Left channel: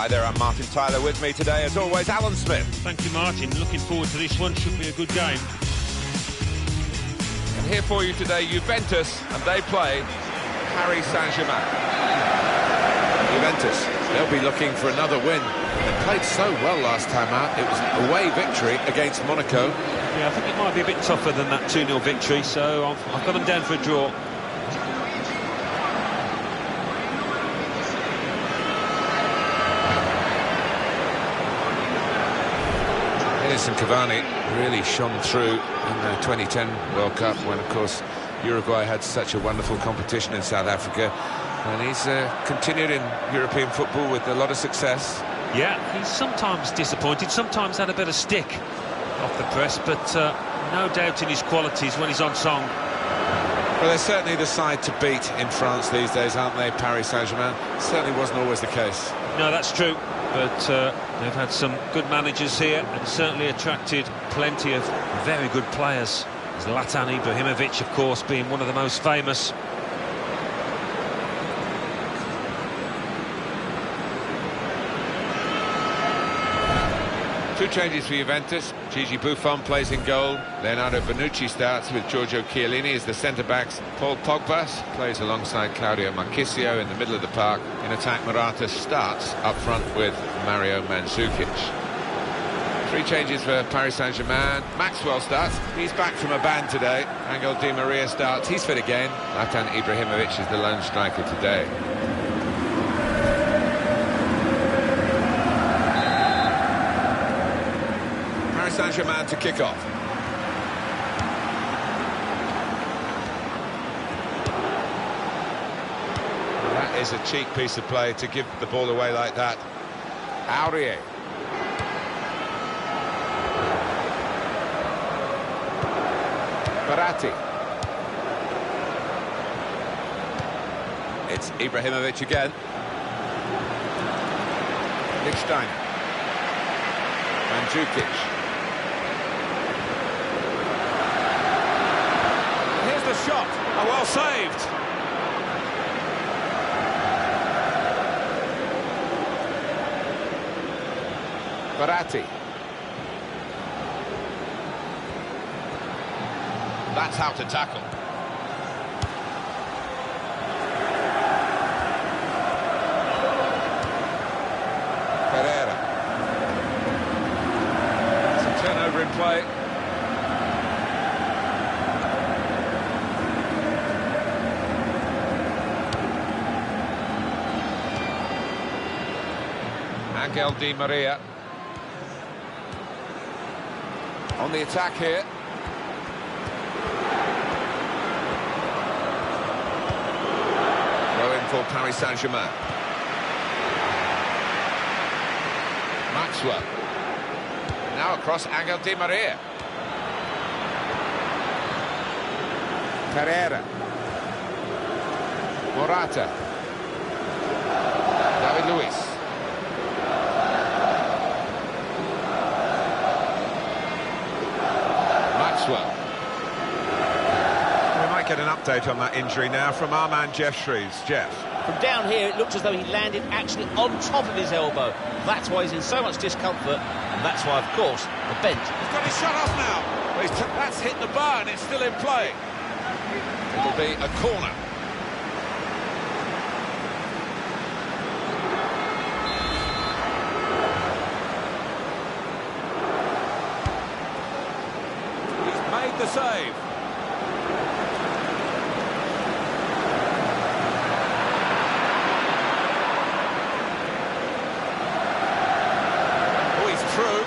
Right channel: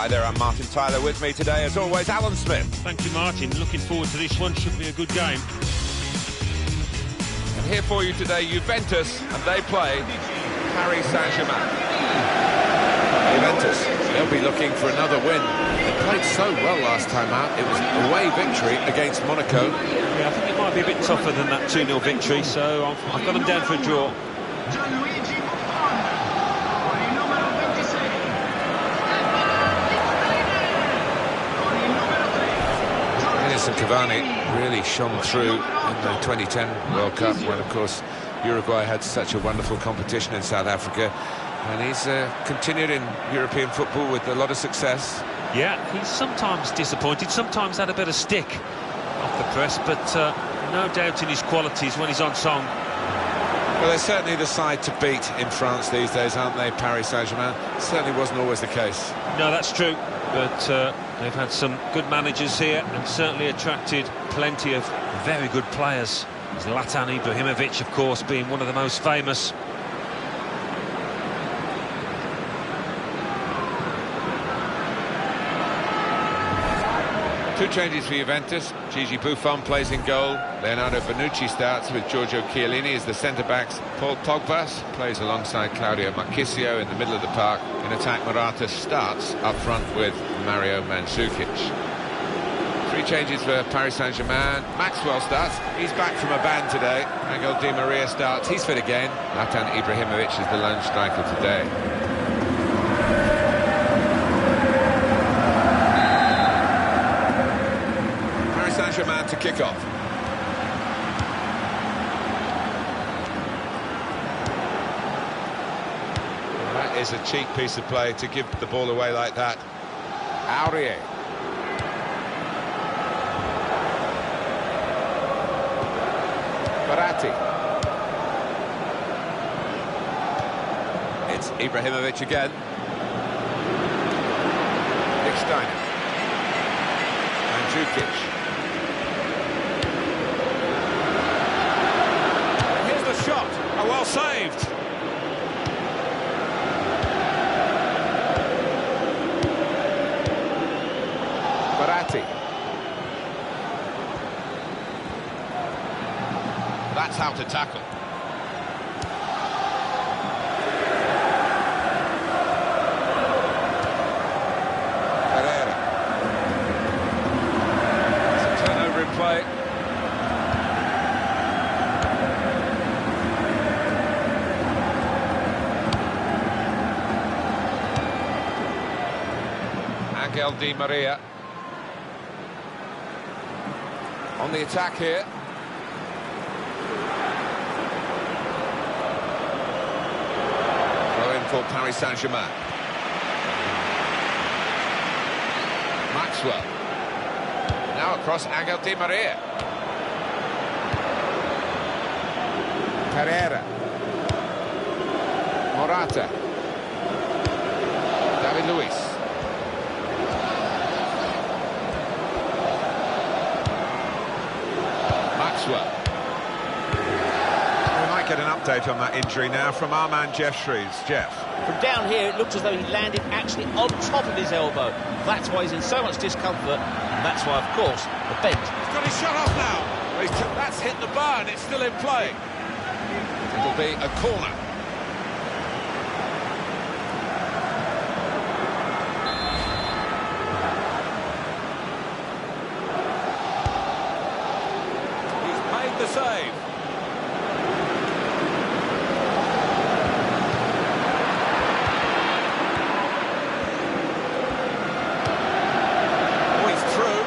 Hi there, I'm Martin Tyler. With me today, as always, Alan Smith. Thank you, Martin. Looking forward to this one. Should be a good game. And here for you today, Juventus, and they play Paris Saint-Germain. Juventus, they'll be looking for another win. They played so well last time out. It was an away victory against Monaco. Yeah, I think it might be a bit tougher than that 2-0 victory, so I've got them down for a draw. Edinson Cavani really shone through in the 2010 World Cup when, of course, Uruguay had such a wonderful competition in South Africa. And he's continued in European football with a lot of success. Yeah, he's sometimes disappointed, sometimes had a bit of stick off the press, but no doubt in his qualities when he's on song. Well, they're certainly the side to beat in France these days, aren't they, Paris Saint-Germain? Certainly wasn't always the case. No, that's true, but they've had some good managers here and certainly attracted plenty of very good players. Zlatan Ibrahimovic, of course, being one of the most famous. Two changes for Juventus. Gigi Buffon plays in goal. Leonardo Bonucci starts with Giorgio Chiellini as the centre-backs. Paul Pogba plays alongside Claudio Marchisio in the middle of the park. In attack, Morata starts up front with Mario Mandzukic. Three changes for Paris Saint-Germain. Maxwell starts. He's back from a ban today. Angel Di Maria starts. He's fit again. Zlatan Ibrahimovic is the lone striker today. Paris Saint-Germain to kick off. Well, that is a cheek piece of play to give the ball away like that. Aurier. Verratti. It's Ibrahimovic again. Nick Steiner. Mandzukic. And here's the shot. Oh, well saved. Verratti. That's how to tackle. Pereira. It's a turnover in play. Angel Di Maria. On the attack here. Throw in for Paris Saint-Germain. Maxwell. Now across Angel Di Maria. Pereira. Morata. David Luiz. Maxwell. We might get an update on that injury now from our man Jeff Shreves. Jeff. From down here, it looked as though he landed actually on top of his elbow. That's why he's in so much discomfort, and that's why, of course, the bench. He's got his shot off now. That's hit the bar, and it's still in play. It'll be a corner. He's made the save. Through.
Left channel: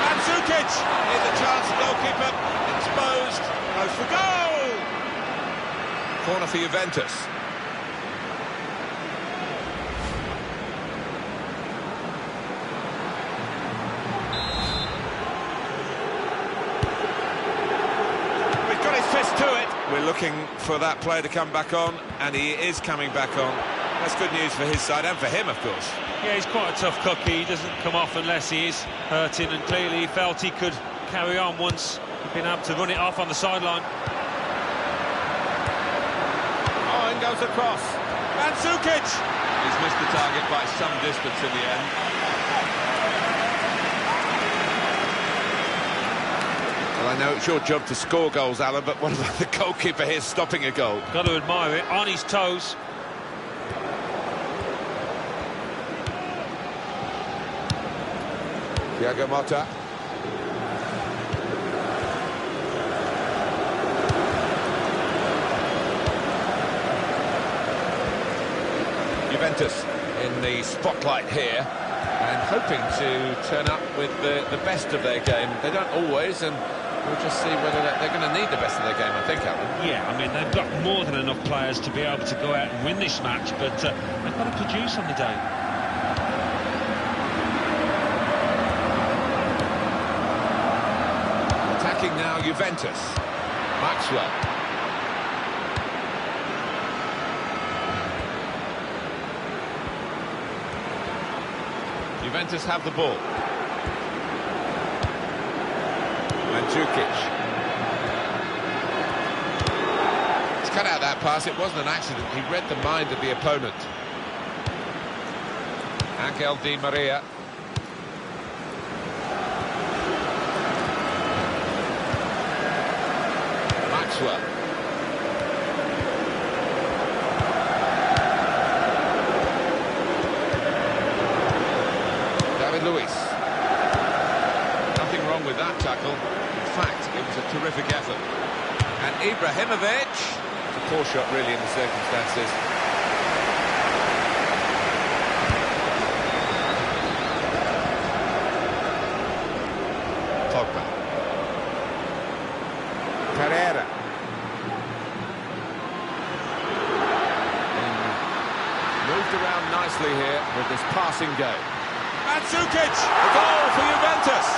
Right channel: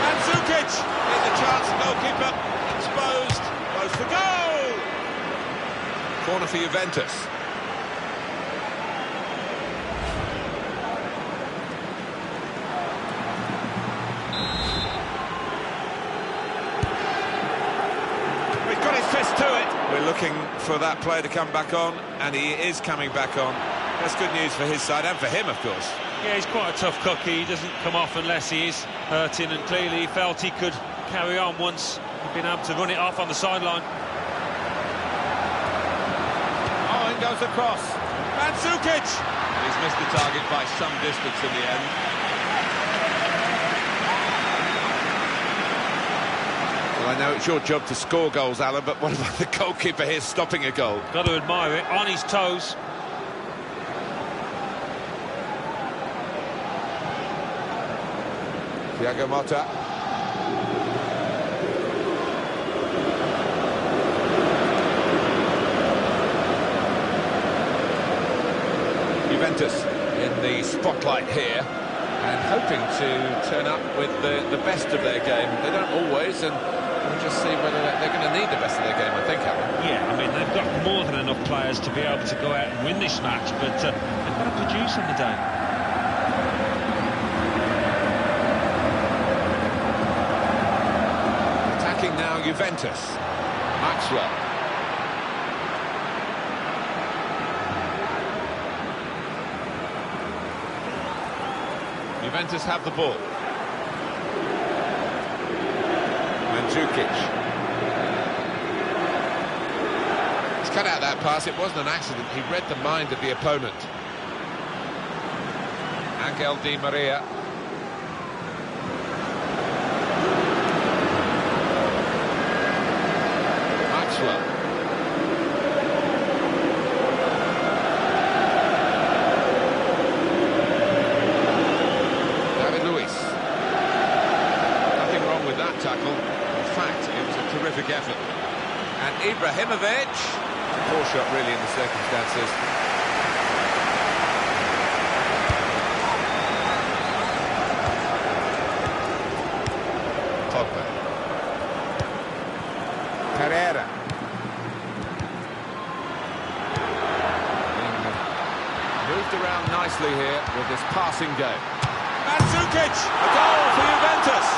Mandzukic! Here's the chance, goalkeeper exposed, goes for goal! Corner for Juventus. He's got his fist to it. We're looking for that player to come back on, and he is coming back on. That's good news for his side and for him, of course. Yeah, he's quite a tough cookie. He doesn't come off unless he is hurting, and clearly he felt he could carry on once he'd been able to run it off on the sideline. Oh, in goes the cross. Mandzukic! He's missed the target by some distance in the end. Well, I know it's your job to score goals, Alan, but what about the goalkeeper here stopping a goal? Got to admire it, on his toes. Thiago Motta. Juventus in the spotlight here and hoping to turn up with the best of their game. They don't always, and we'll just see whether they're going to need the best of their game, I think, Alan. Yeah, I mean, they've got more than enough players to be able to go out and win this match, but they've got to produce on the day. Attacking now, Juventus. Maxwell. Juventus have the ball. Mandzukic. He's cut out that pass. It wasn't an accident. He read the mind of the opponent. Angel Di Maria. Maxwell. Luis. Nothing wrong with that tackle. In fact, it was a terrific effort. And Ibrahimovic. It's a poor shot, really, in the circumstances. Pogba. Pereira. Being moved around nicely here with this passing game. Mandzukic, a goal for Juventus.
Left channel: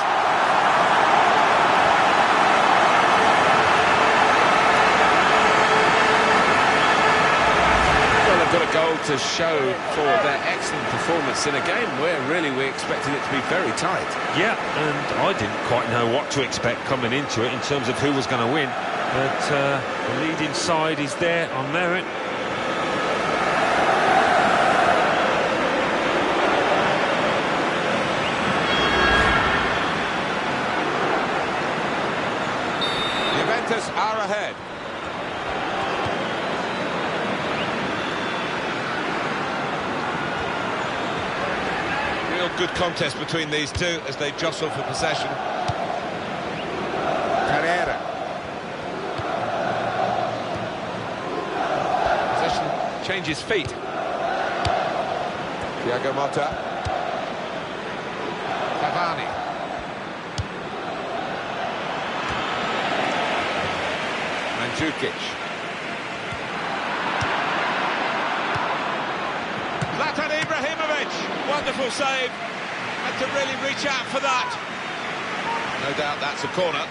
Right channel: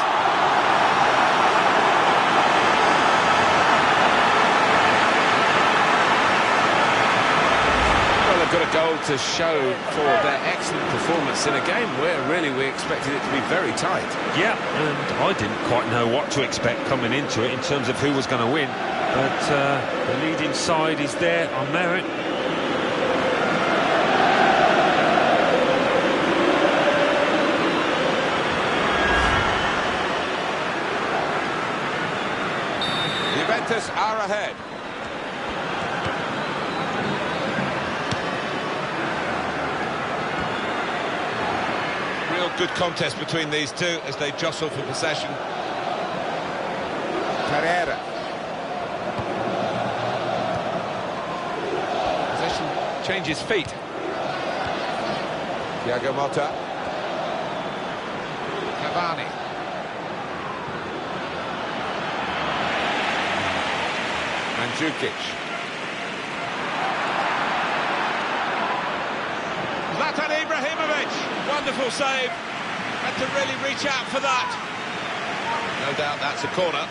Well, they've got a goal to show for their excellent performance in a game where really we expected it to be very tight. Yeah, and I didn't quite know what to expect coming into it in terms of who was going to win. But the leading side is there on merit. Juventus are ahead. Real good contest between these two as they jostle for possession. Pereira. Possession changes feet. Thiago Motta. Cavani. Mandzukic. Zlatan Ibrahimovic, wonderful save. Had to really reach out for that. No doubt that's a corner.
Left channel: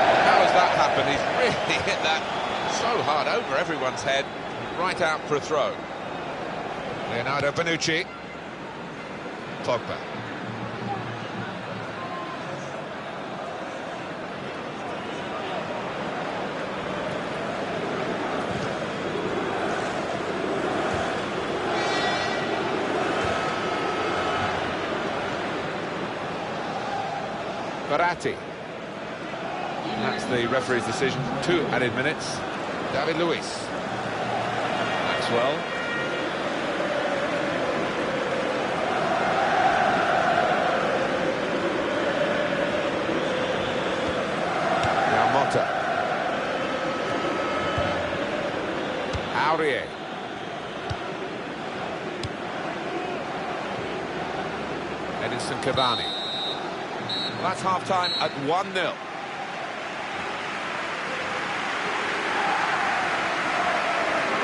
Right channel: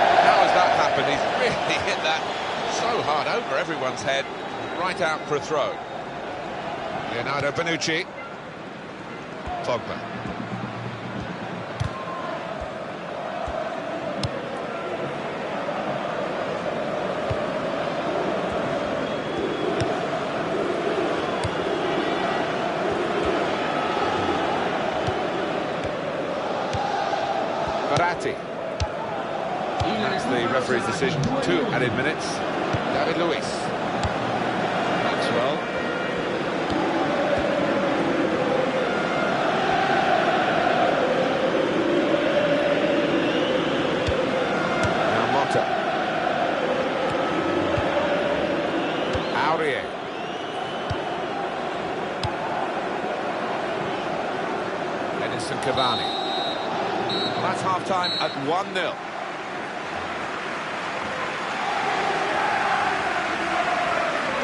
Well, how has that happened? He's really hit that so hard over everyone's head, right out for a throw. Leonardo Bonucci. Pogba. Verratti. That's the referee's decision. 2 added minutes. David Luiz. Maxwell. Motta. Aurier. Edinson Cavani. Well, that's half-time at 1-0.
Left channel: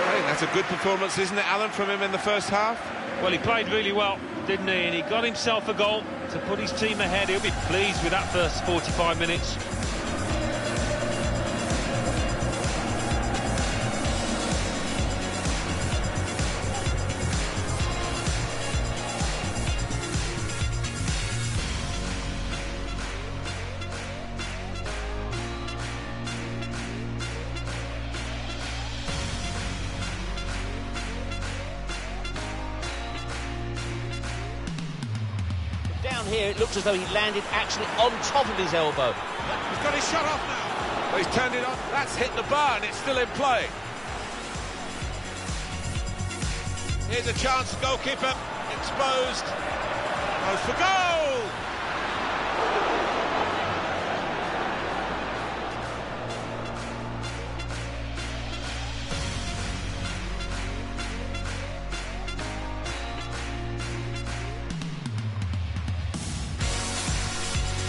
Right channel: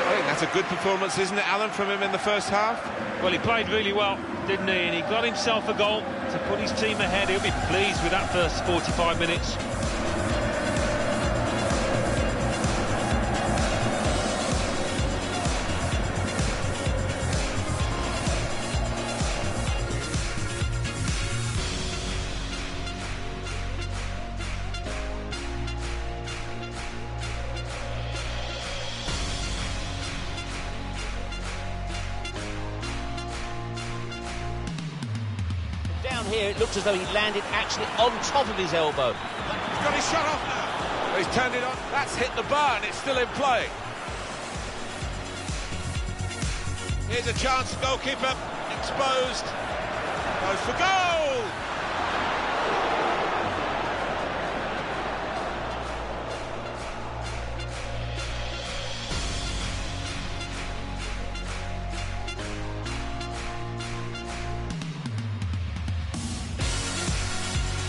I think that's a good performance, isn't it, Alan, from him in the first half? Well, he played really well, didn't he? And he got himself a goal to put his team ahead. He'll be pleased with that first 45 minutes. down here, it looked as though he landed actually on top of his elbow. He's got his shot off now. Well, he's turned it on. That's hit the bar and it's still in play. Here's a chance, goalkeeper exposed. Goes for goal!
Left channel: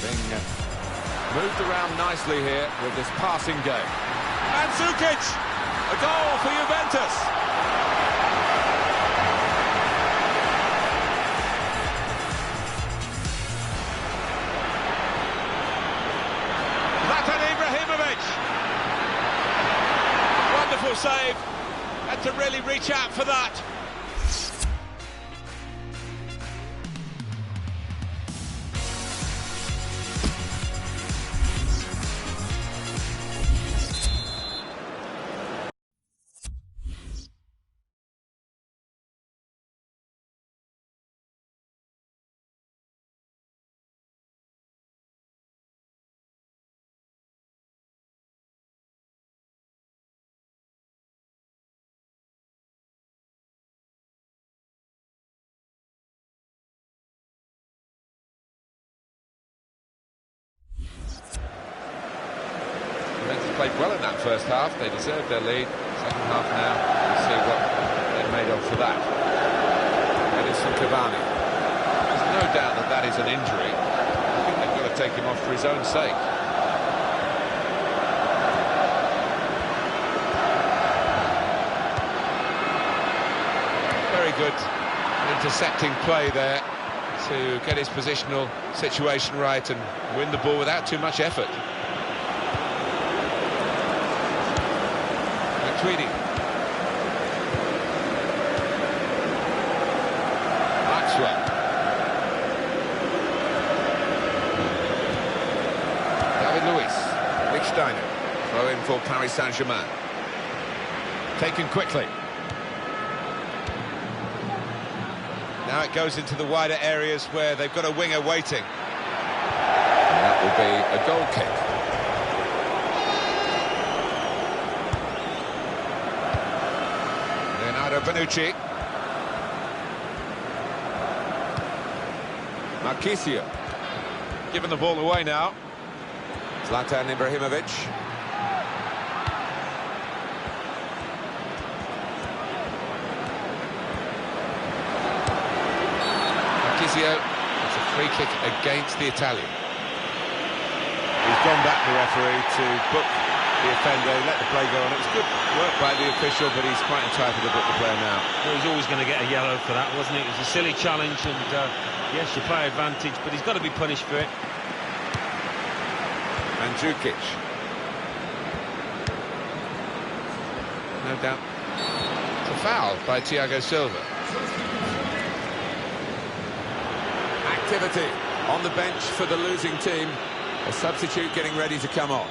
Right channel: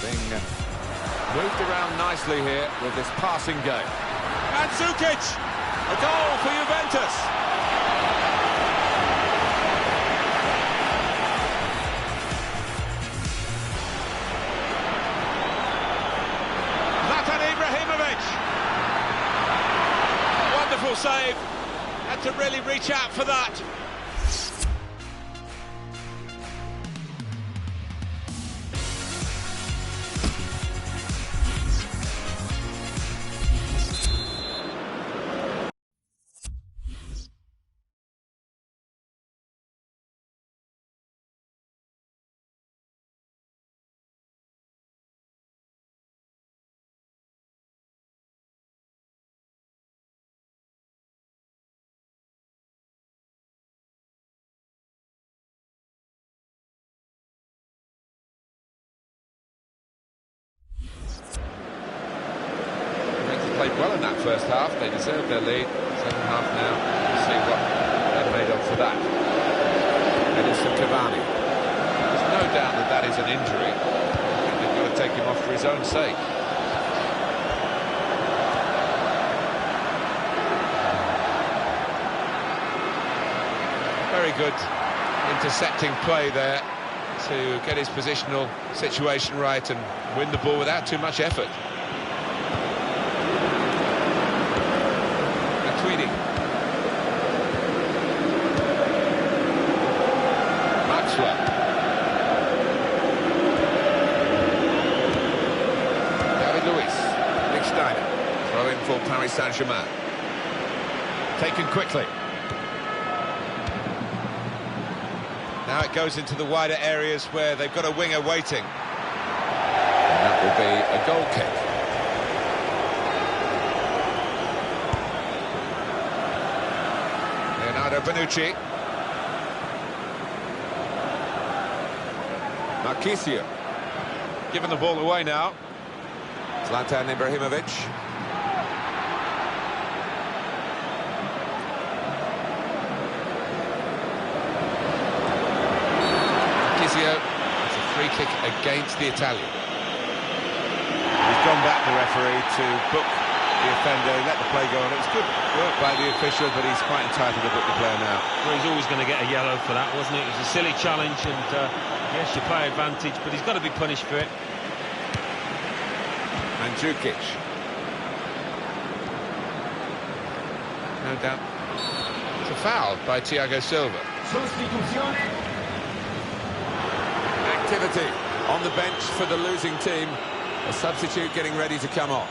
Being moved around nicely here with this passing game. And Zukic! A goal for Juventus! Wonderful save. Had to really reach out for that. Juventus played well in that first half. They deserved their lead. Second half now, we'll see what they're made of for that. Edinson Cavani. There's no doubt that that is an injury. I think they've got to take him off for his own sake. Very good intercepting play there to get his positional situation right and win the ball without too much effort. Tweedy. Maxwell. David Luiz. Lichtsteiner. Throw in for Paris Saint-Germain. Taken quickly. Now it goes into the wider areas where they've got a winger waiting. And that will be a goal kick. Leonardo Bonucci. Marchisio. Giving the ball away now. Zlatan Ibrahimovic. Marchisio. It's a free kick against the Italian. He's gone back, the referee, to book the offender, let the play go on. It was good work by the official, but he's quite entitled to book the player now. Well, he's always going to get a yellow for that, wasn't it? It was a silly challenge, and yes, you play advantage, but he's got to be punished for it. And Jukic. No doubt. It's a foul by Thiago Silva. Activity on the bench for the losing team. A substitute getting ready to come on.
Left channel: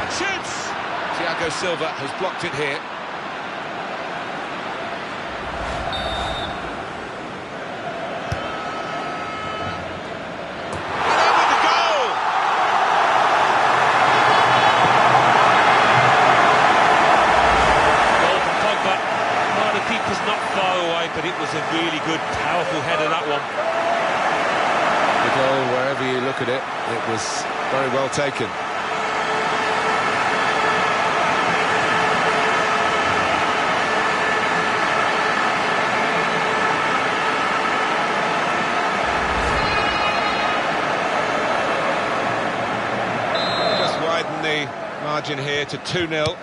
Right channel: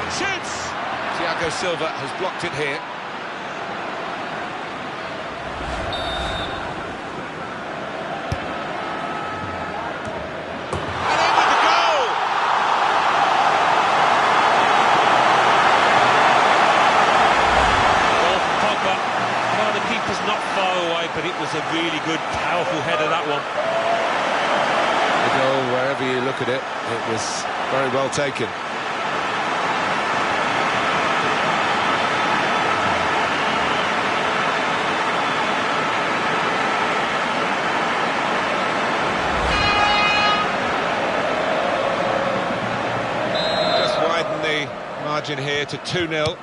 And shoots! Thiago Silva has blocked it here. And in with the goal! Goal from Pogba. Well, the keeper's not far away, but it was a really good, powerful header, that one. The goal, wherever you look at it, it was very well taken. Just widen the margin here to 2-0.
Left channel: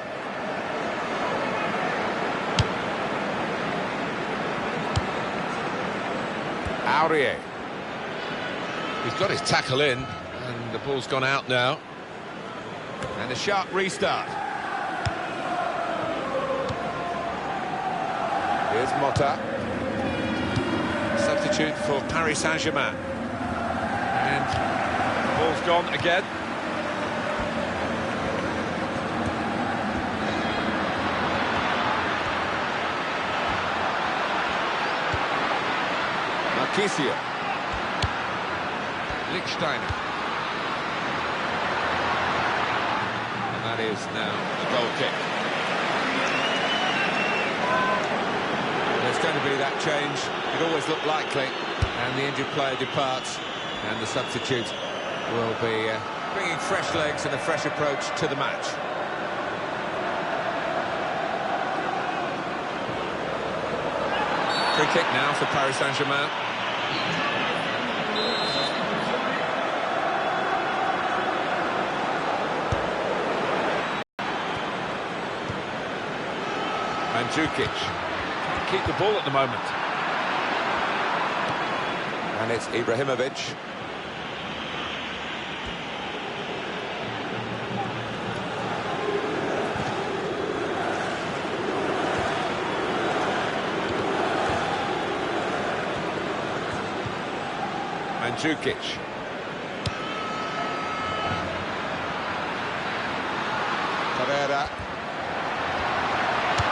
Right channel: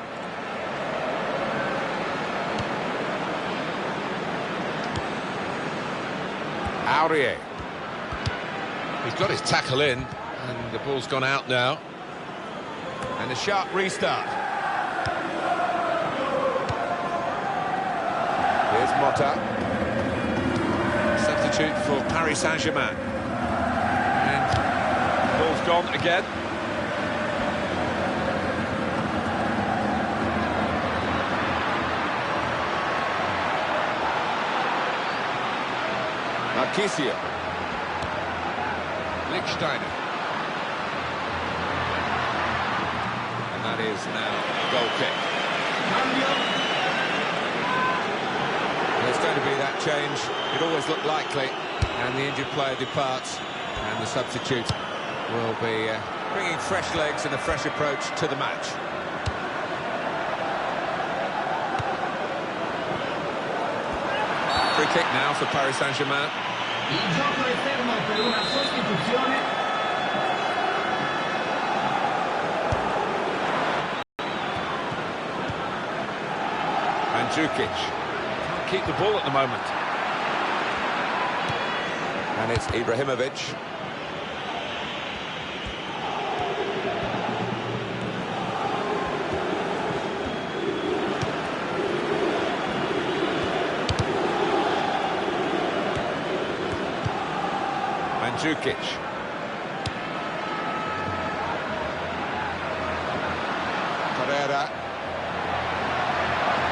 Aurier. He's got his tackle in, and the ball's gone out now. And a sharp restart. Here's Motta. Substitute for Paris Saint-Germain. And the ball's gone again. Marchisio. Lichtsteiner. And that is now a goal kick. There's going to be that change. It always looked likely. And the injured player departs. And the substitute will be bringing fresh legs and a fresh approach to the match. Free kick now for Paris Saint-Germain. Mandzukic can't keep the ball at the moment. And it's Ibrahimovic. Mandzukic. Carrera.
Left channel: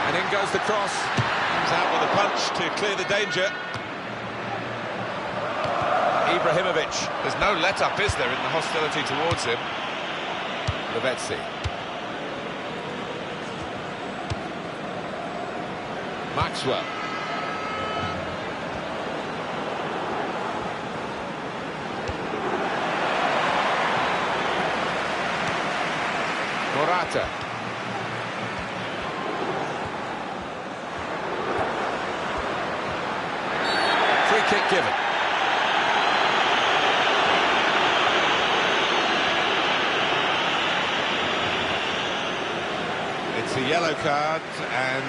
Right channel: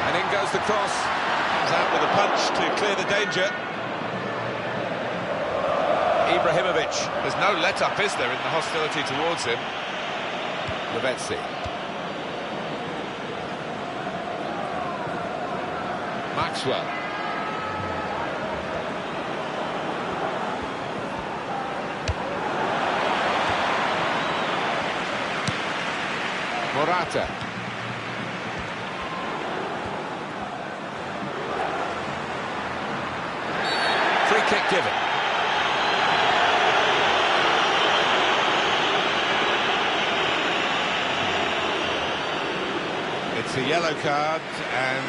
And in goes the cross. Comes out with a punch to clear the danger. Ibrahimovic. There's no let-up, is there, in the hostility towards him? Lavezzi. Maxwell. Morata. Free kick given. It's a yellow card, and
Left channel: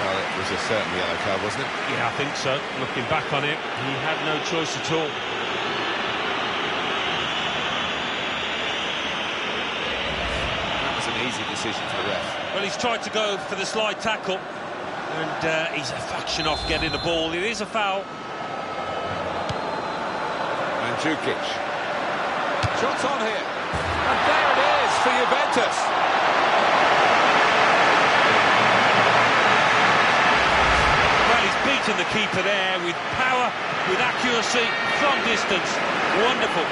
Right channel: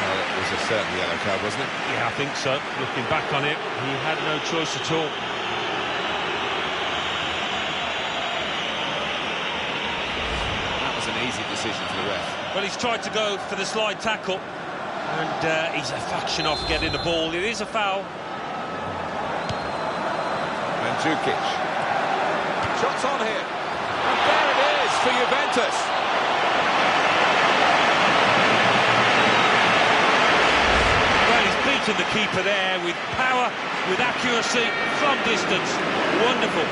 well, it was a certain yellow card, wasn't it? Yeah, I think so. Looking back on it, he had no choice at all. That was an easy decision for the ref. Well, he's tried to go for the slide tackle, and he's a fraction off getting the ball. It is a foul. Mandzukic. Shots on here. And there it is for Juventus. Well, he's beaten the keeper there with power, with accuracy, from distance. Wonderful.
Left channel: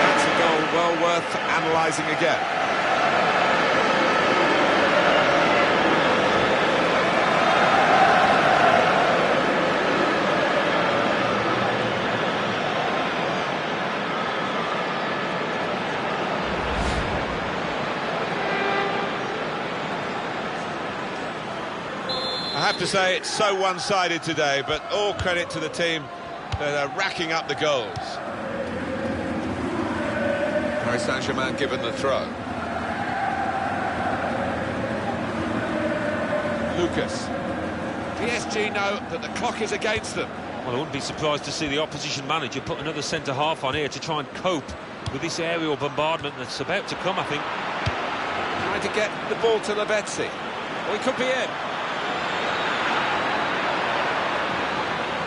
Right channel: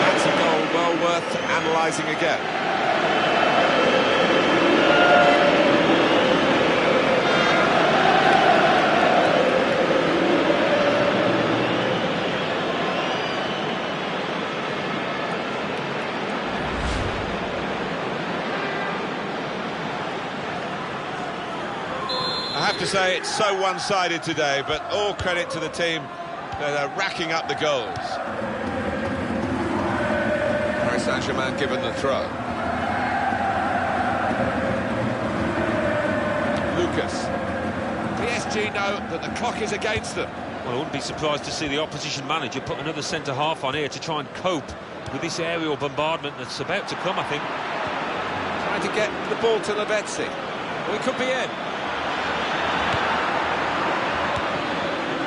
That's a goal well worth analysing again. I have to say it's so one-sided today, but all credit to the team that are racking up the goals. Paris Saint-Germain given the throw. Lucas. PSG know that the clock is against them. Well, I wouldn't be surprised to see the opposition manager put another centre-half on here to try and cope with this aerial bombardment that's about to come, I think. Trying to get the ball to Lavezzi. Well, he could be in.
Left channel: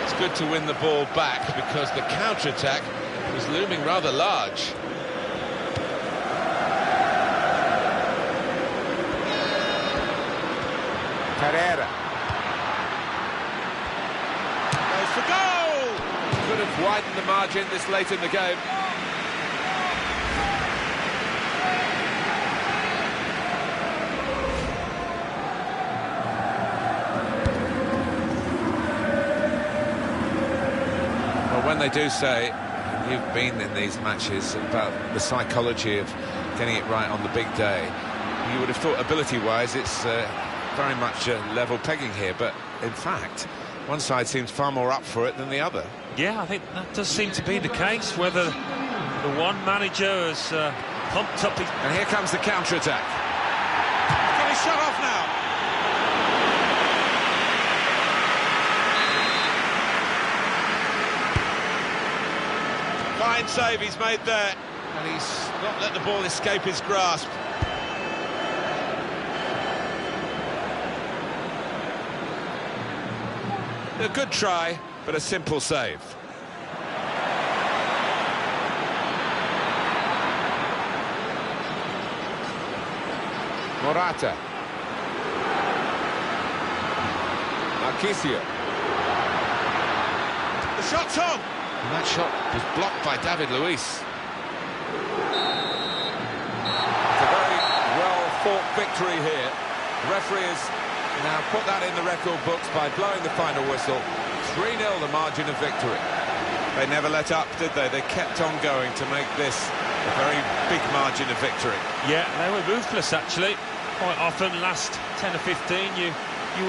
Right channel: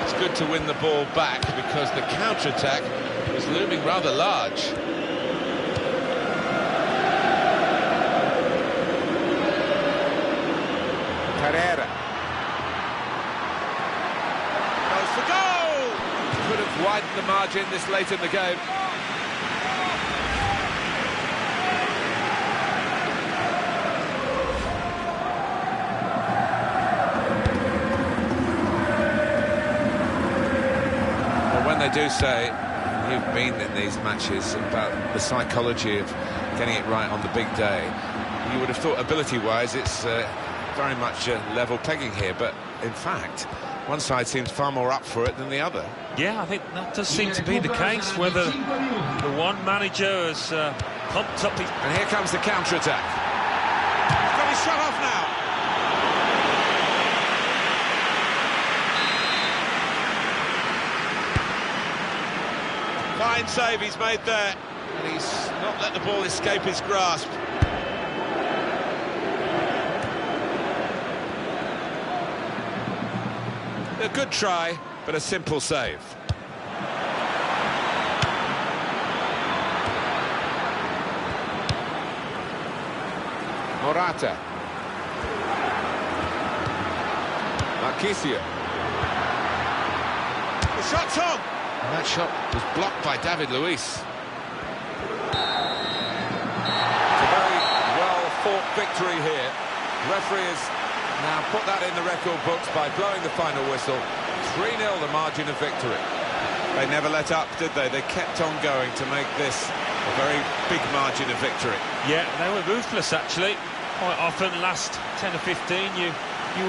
It's good to win the ball back because the counter-attack was looming rather large. Carrera. Goes for goal! Could have widened the margin this late in the game. Well, when they do say, and you've been in these matches, about the psychology of getting it right on the big day, you would have thought ability-wise it's very much level pegging here, but in fact one side seems far more up for it than the other. Yeah, I think that does seem to be the case, whether the one manager has pumped up his... And here comes the counter-attack. He's got his shot off now. Fine save he's made there, and he's not let the ball escape his grasp. A good try, but a simple save. Morata. Marchisio. The shot's on! And that shot was blocked by David Luiz. It's a very well-fought victory here. The referee has now put that in the record books by blowing the final whistle. 3-0 the margin of victory. They never let up, did they? They kept on going to make this a very big margin of victory. Yeah, they were ruthless, actually. Quite often, last 10 or 15, you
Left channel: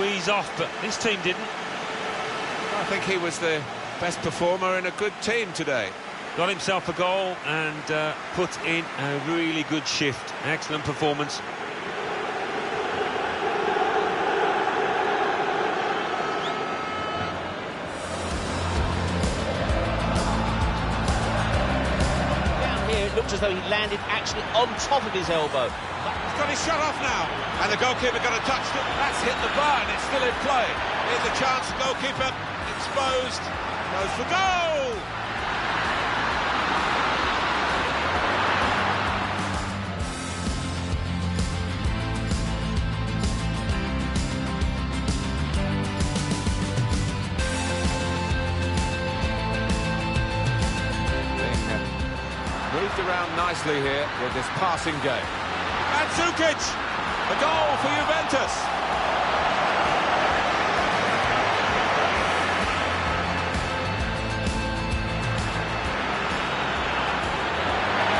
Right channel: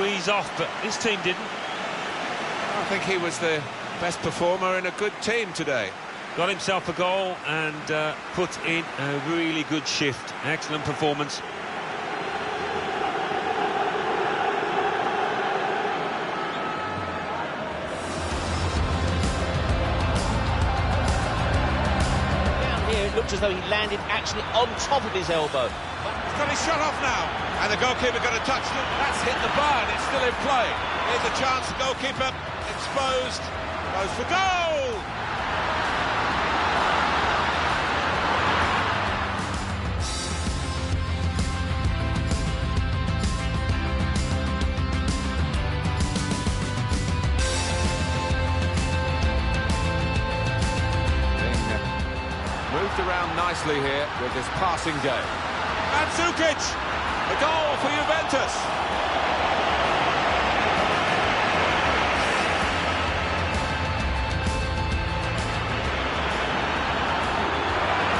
ease off, but this team didn't. I think he was the best performer in a good team today. Got himself a goal and put in a really good shift. Excellent performance. Down here, it looked as though he landed actually on top of his elbow. He's got his shot off now. And the goalkeeper got a touch. That's hit the bar and it's still in play. Here's a chance, the goalkeeper exposed. Goes for goal! Moved around nicely here with this passing game. Mandzukic! A goal for Juventus!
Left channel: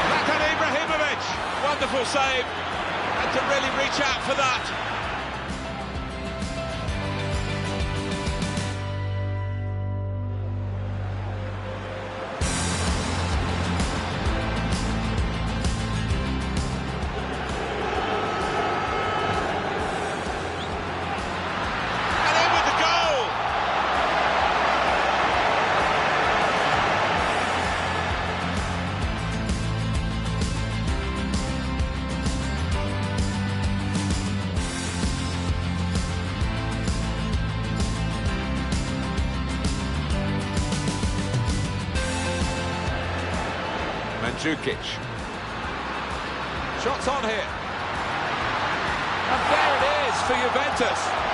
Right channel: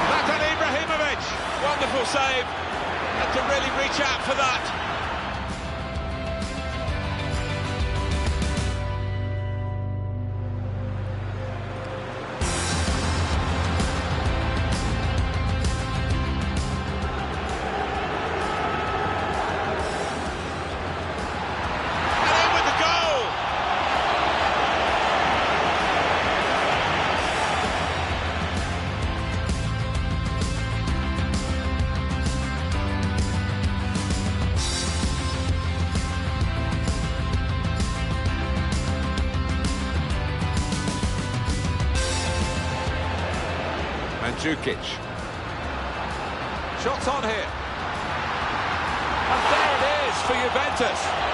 Zlatan Ibrahimovic! Wonderful save. Had to really reach out for that. Mandzukic. Shots on here. And there it is for Juventus.